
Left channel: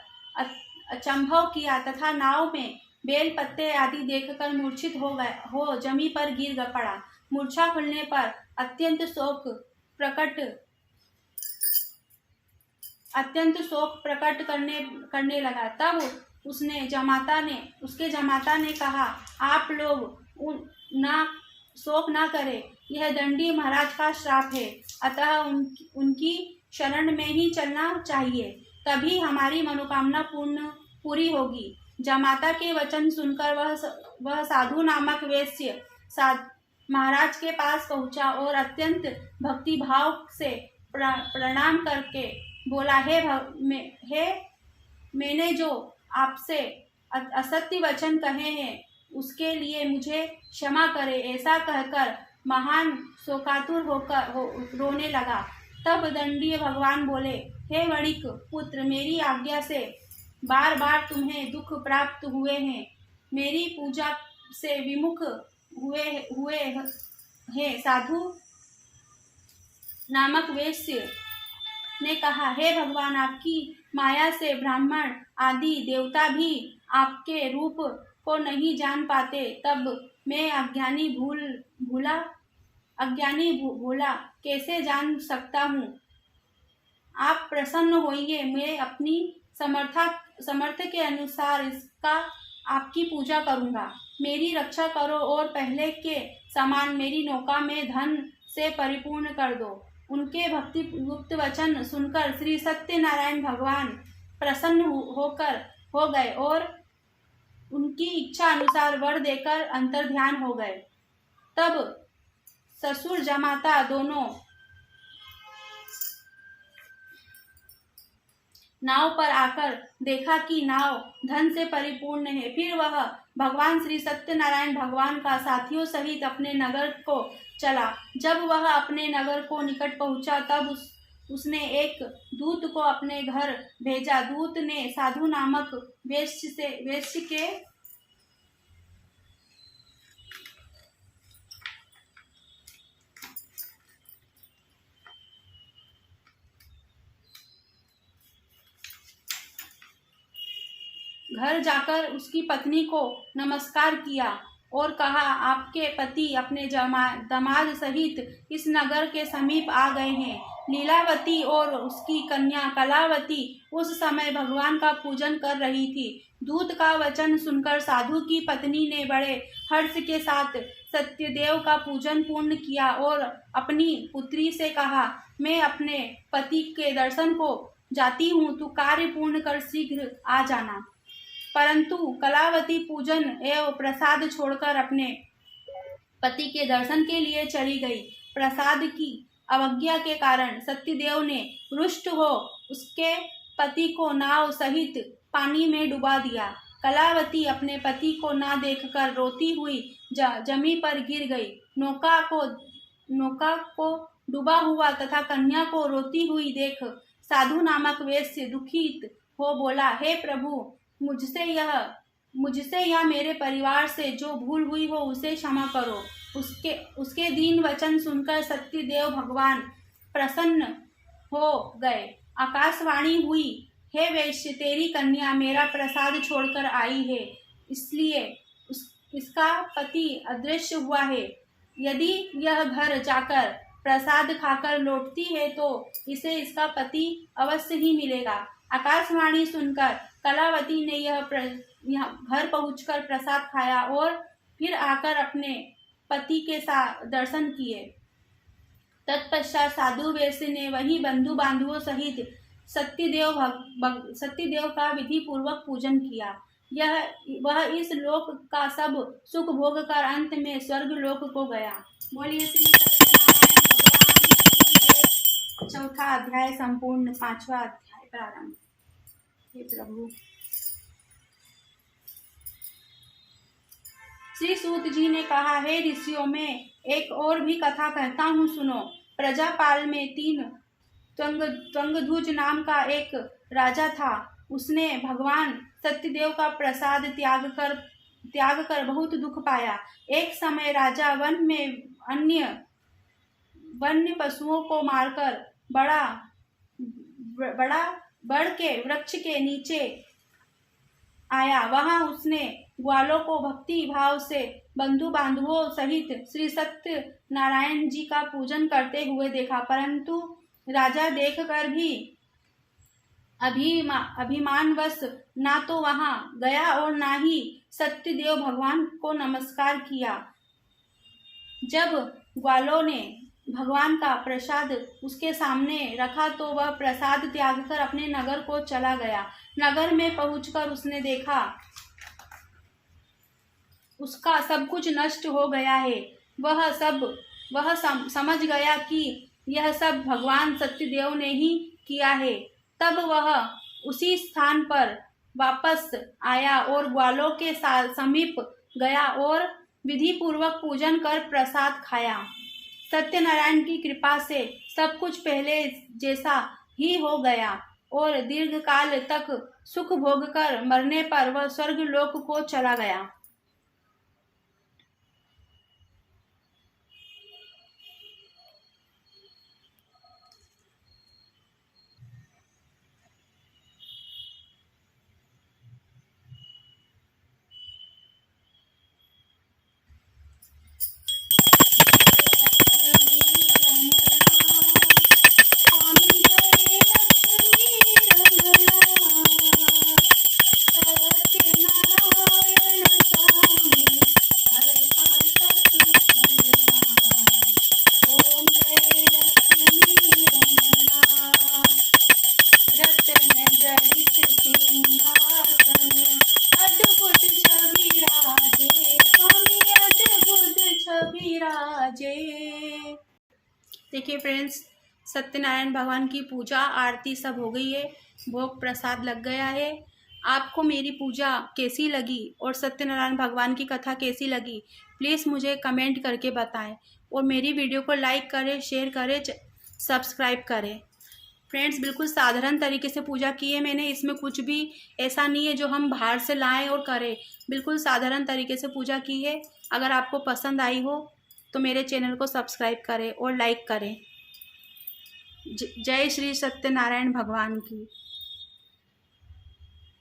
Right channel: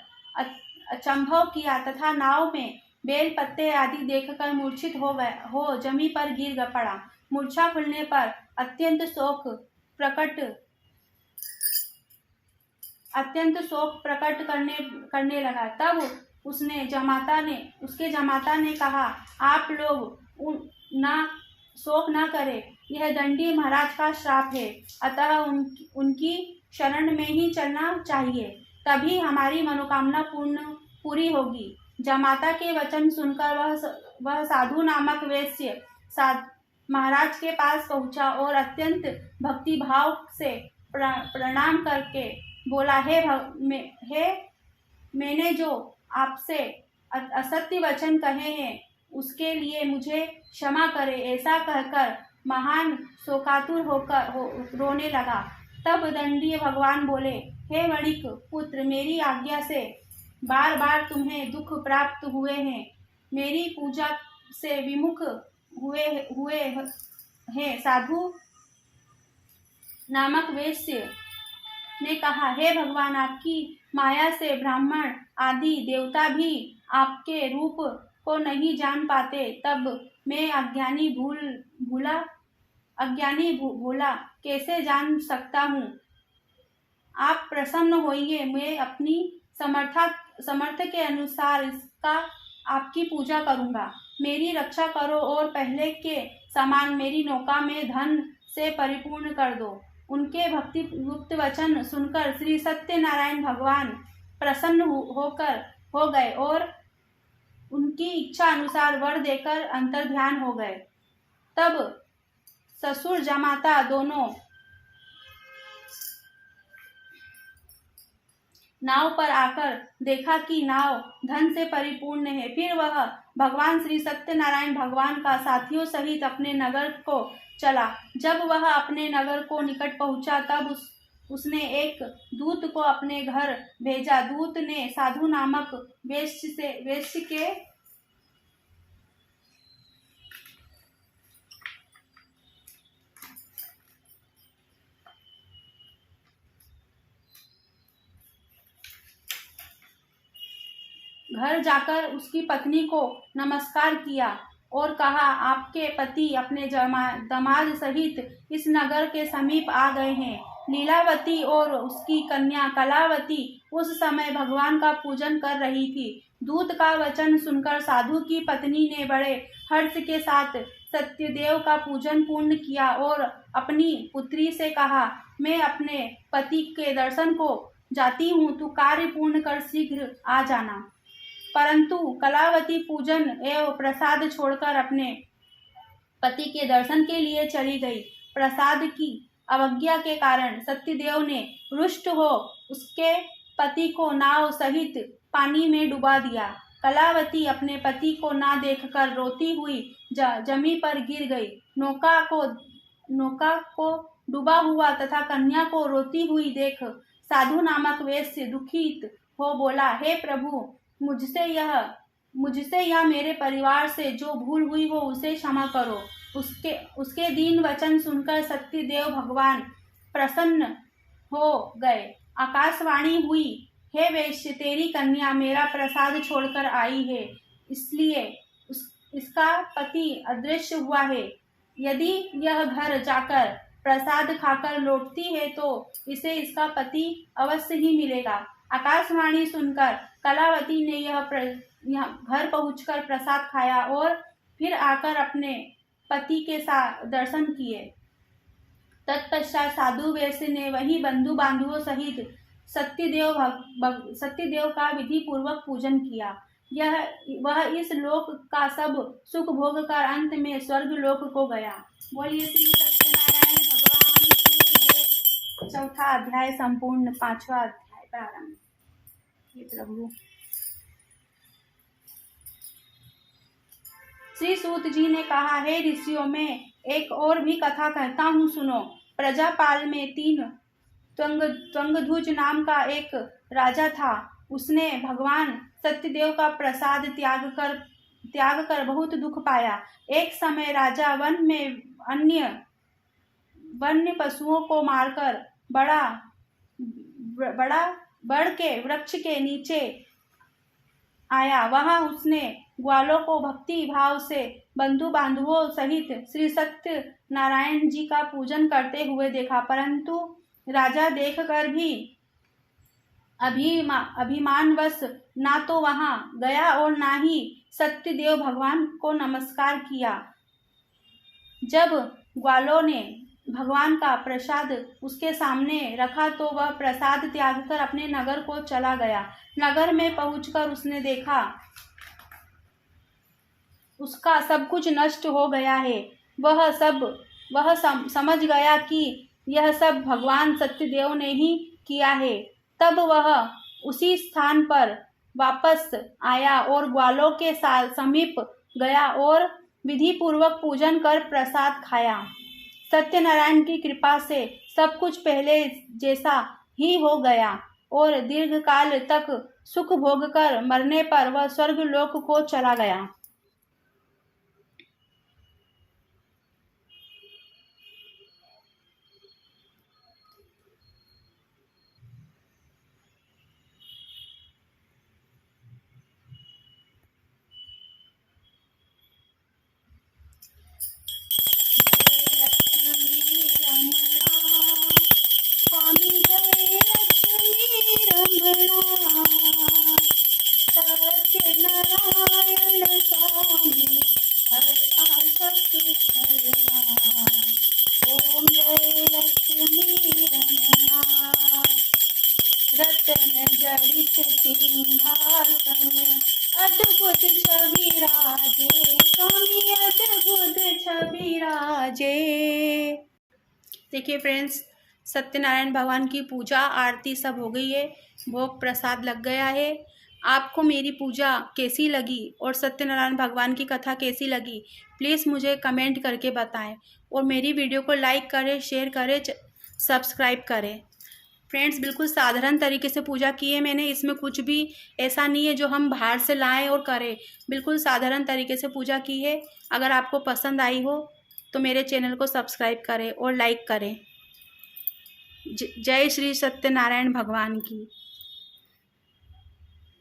अचंभव किया तथा नाव में बेल पत्ते आदि देखकर मूर्छित हो जमी पर गिर पड़ा। मूर्छा खुलने पर अत्यंत शोक प्रकट करने लगा। तब उसके जमाता ने कहा, आप लोग शोक ना करें, यह दंडी महाराज का श्राप है, अतः उनकी शरण में ही चलना चाहिए, तभी हमारी मनोकामना पूरी होगी। जमाता के वचन सुनकर वह साधु नामक वैश्य महाराज के पास पहुंचा और अत्यंत भक्ति भाव से प्रणाम करके बोला, हे मैंने जो आपसे असत्य वचन कहे हैं उसके लिए मुझे क्षमा करे। ऐसा कहकर महान शोकातुर होकर रोने लगा। तब दंडी भगवान बोले, हे वणिक पुत्र, मेरी आज्ञा से बार बार तुम्हें दुख प्राप्त हुए हैं, मेरी पूजा से विमुख हुए हैं। साधु नामक वैश्य ने कहा, हे भगवान, आपकी माया से ब्राह्मण आदि देवता भी आपके रूप को नहीं जान पाते, तब मैं अज्ञानी भोला कैसे जान सकता हूँ? आप प्रसन्न होइए, मैं अपनी समर्थ के अनुसार इसका आपकी पूजा करूंगा। मेरी रक्षा करो और पहले के समान मेरी नौका में धन से परिपूर्ण कर दो। उनके भक्ति गुप्त वचन सुनकर श्री सत्यनारायण भगवान प्रसन्न हो गए और उनकी इच्छा अनुसार वर देकर अंतर्ध्यान हो गए। तब ससुर जमाता दोनों नाव पर आकर देखा कि नाव धन से परिपूर्ण है। फिर वह भगवान श्री सत्यनारायण भगवान का साथियों सहित अपने नगर को चला। जब वह अपने नगर को निकट पहुंचा तब उसने एक दूत को अपने घर भेजा। दूत ने साधु नामक वेश्य के घर जाकर उसकी पत्नी को नमस्कार किया और कहा, आपके पति अपने दामाद सहित इस नगर के समीप आ गए हैं। लीलावती और उसकी कन्या कलावती उस समय भगवान का पूजन कर रही थी। दूत का वचन सुनकर साधु की पत्नी ने बड़े हर्ष के साथ सत्यदेव का पूजन पूर्ण किया और अपनी पुत्री से कहा, मैं अपने पति के दर्शन को जाती हूँ, तू कार्य पूर्ण कर शीघ्र आ जाना। परंतु कलावती पूजन एवं प्रसाद छोड़कर अपने पति के दर्शन के लिए चली गई। प्रसाद की अवज्ञा के कारण सत्यदेव ने रुष्ट हो उसके पति को नाव सहित पानी में डुबा दिया। कलावती अपने पति को ना देखकर रोती हुई जमीन पर गिर गई। नौका को डूबा हुआ तथा कन्या को रोती हुई देख साधु नामक वेश्य दुखित हो बोला, हे प्रभु, मुझसे या मेरे परिवार से जो भूल हुई हो उसे क्षमा करो। उसके दीन वचन सुनकर सत्यदेव भगवान प्रसन्न हो गए। आकाशवाणी हुई, हे वैश्य, तेरी कन्या मेरा प्रसाद छोड़कर आई है, इसलिए इसका पति अदृश्य हुआ है। यदि यह घर जाकर प्रसाद खाकर लौटती है तो इसे इसका पति अवश्य ही मिलेगा। आकाशवाणी सुनकर कलावती ने यह घर पहुंचकर प्रसाद खाया और फिर आकर अपने पति के साथ दर्शन किए। तत्पश्चात साधु वैश्य ने वही बंधु बांधवों सहित सत्यदेव का विधि पूर्वक पूजन किया। वह इस लोक का सब सुख भोग कर अंत में स्वर्ग लोक को गया। बोलिए श्री सत्यनारायण भगवान की जय। चौथा अध्याय संपूर्ण। पांचवा अध्याय प्रारंभ। हे प्रभु। श्री सूत जी ने कहा, हे ऋषियों, मैं एक और भी कथा कहता हूँ, सुनो। प्रजापाल में 3 त्वंगध्वज नाम का एक राजा था। उसने भगवान सत्यदेव का प्रसाद त्याग कर बहुत दुख पाया। एक समय राजा वन में अन्य वन्य पशुओं को मारकर बड़ के वृक्ष के नीचे आया। वहां उसने ग्वालों को भक्ति भाव से बंधु बांधवों सहित श्री सत्य नारायण जी का पूजन करते हुए देखा। परंतु राजा देखकर भी अभिमानवश ना तो वहां गया और ना ही सत्यदेव भगवान को नमस्कार किया। जब ग्वालों ने भगवान का प्रसाद उसके सामने रखा तो वह प्रसाद त्याग कर अपने नगर को चला गया। नगर में पहुंचकर उसने देखा उसका सब कुछ नष्ट हो गया है। वह समझ गया कि यह सब भगवान सत्यदेव ने ही किया है। तब वह उसी स्थान पर वापस आया और ग्वालों के समीप गया और विधि पूर्वक पूजन कर प्रसाद खाया। सत्यनारायण की कृपा से सब कुछ पहले जैसा ही हो गया और दीर्घ काल तक सुख भोग कर मरने पर वह स्वर्ग लोक को चला गया। छवि राजे, स्वामी अद्भुत छवि राजे। देखिए फ्रेंड्स, सत्यनारायण भगवान की पूजा आरती सब हो गई है, भोग प्रसाद लग गया है। आपको मेरी पूजा कैसी लगी और सत्यनारायण भगवान की कथा कैसी लगी, प्लीज़ मुझे कमेंट करके बताएं और मेरी वीडियो को लाइक करें, शेयर करें, सब्सक्राइब करें। फ्रेंड्स, बिल्कुल साधारण तरीके से पूजा की है मैंने, इसमें कुछ भी ऐसा नहीं है जो हम बाहर से लाएं और करें। बिल्कुल साधारण तरीके से पूजा की है। अगर आपको पसंद आई हो तो मेरे चैनल को सब्सक्राइब करें और लाइक करें। जय श्री सत्यनारायण भगवान की।